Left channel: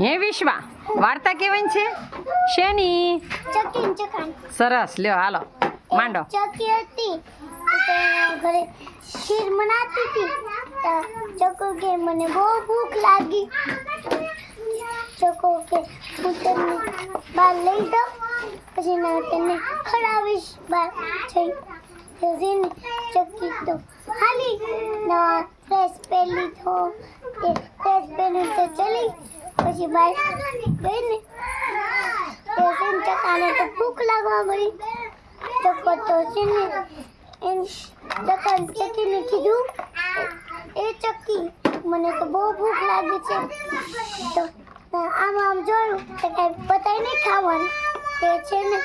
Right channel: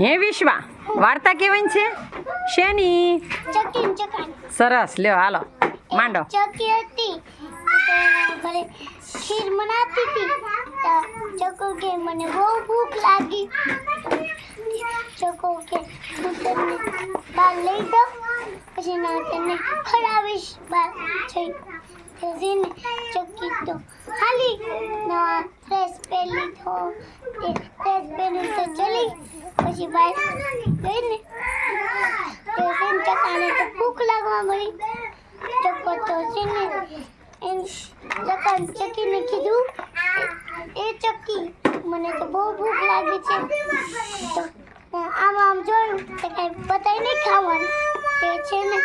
હે વિશ્વા વાર્તા કેવાની છે શેની? સરસ લ્યો હાલો માંડો. ચકી હતી તો ઘરે ખીર બનાતી હતી તો ચકો કે મને બહુ ભૂખ લાગી. ચકો કે હું તને બહાર લઈ જાઉં પછી ના તને ખવડાવીશ બહાર જઈ. તો જેને ચકી તો હાલી નવા ડ્રેસ પહેરી તો એ ડ્રેસ પહેરી તો ચલી પછી બહાર ગઈ ને તો જેને ચકાને તો ભૂખ લાગવા મળી. ચકો તો છે ને ચકીને કીધું એ ચકી મને તો બહુ ભૂખ લાગી છે તો આમ જોયું તો કાંઈ બતાવી નહીં ખાવાનું તે છે ને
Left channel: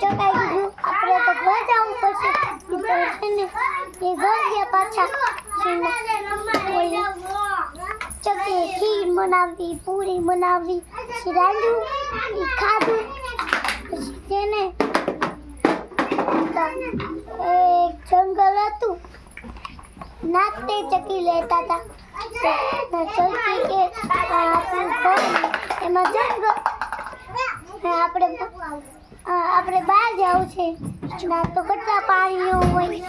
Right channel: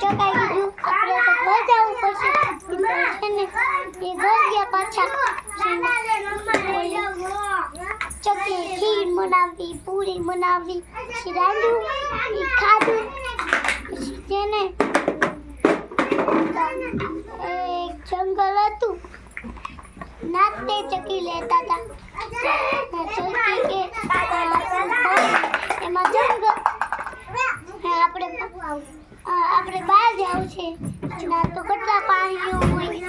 ચકાઈ કીધું આપણે તો ઘર જવું પડશે તો છે ને એ ઘર ગયા પાછા ચકીએ ખીર બનાવી પૂરી બનાવી પછી રાંધ્યું એ ખાધું પછી તેને એક જંગલ હતું નાચતે ચકી લેતા હતા ચકી કે એમાં જંગલ આપણે બહાર જવું છે ના તો કેટલા પાણીઓ હોય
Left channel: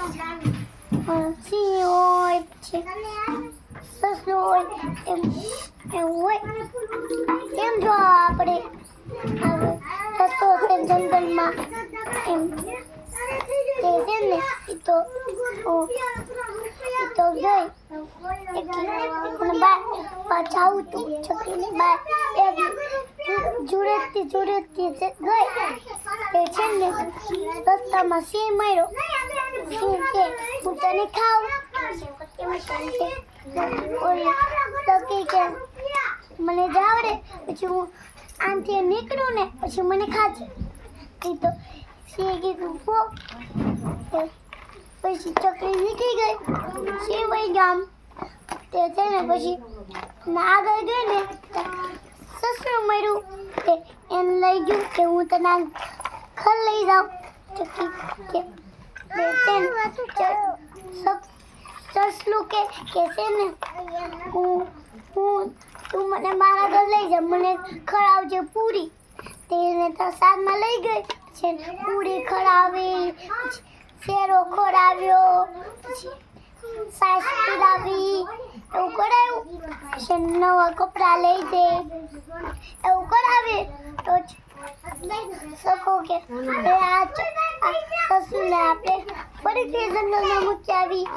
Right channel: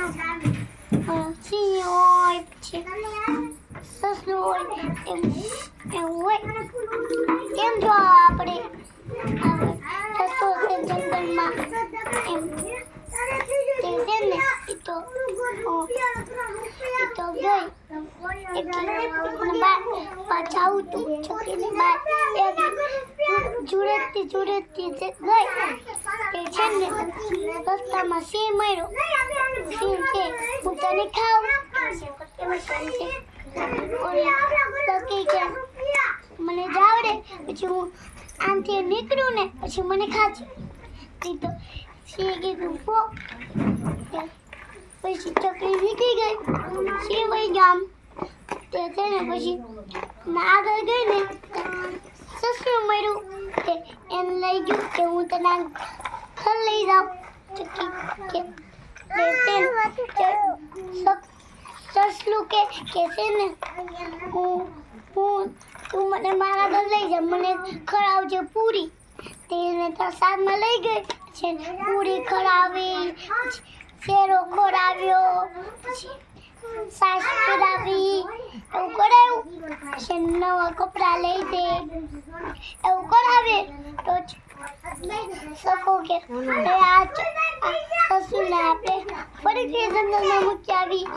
સિંહ હોય પછી સસલું હોય એમ હોય કેમ જો આપણે થતો છે જંગલમાં એમ તે છે ને એ તો ગઈ પાછા આવતું ચકીને બાર જોડેતી ગઈ તે છે ને રસ્તામાં સિંહ મળ્યો. સિંહ કે હું તને ખાઉં ચકી કે મને જાવડે પછી હું આમથી નીકળું ને પછી મને ખાજે. તો સિંહ કીધું પછી ચકલી નીકળી ગઈ સિંહ વહી ગામ તે છે ને પછી આગળ ગઈ ને સસલું મળ્યું તે એમ લઈ ગયું કે હું તને ઘર લઈ જાઉં. ચકી કે સસલું કે છે ને તું મને મારા ઘર લઈ જા મને ખવડાવજે પૂરી. તેને તો સાદમાં લઈ ગઈ છે પૂરી ખવડાવી શેરો ખવડાવ્યો પછી સાસ પીરાવી એવું કરાવ્યું પછી નવા કપડાં લઈ દે એવું કરાવે તો શકો કે આ સસુને આપણે ફરીથી જંગલમાં મૂકી આવી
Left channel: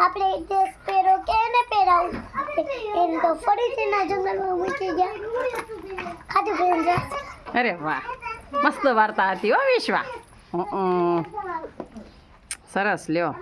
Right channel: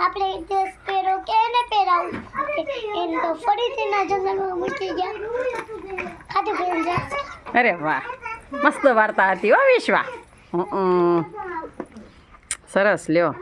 આપણે ડ્રેસ પહેરો કે એને પહેરાવું એને તો ફરીથી ના જંગલમાં મૂકી ગયા ખાધું પીને જાય. અરે વાહ મસ્ત વાર્તા હતી હો વિશ્વા. સરસ લ્યો.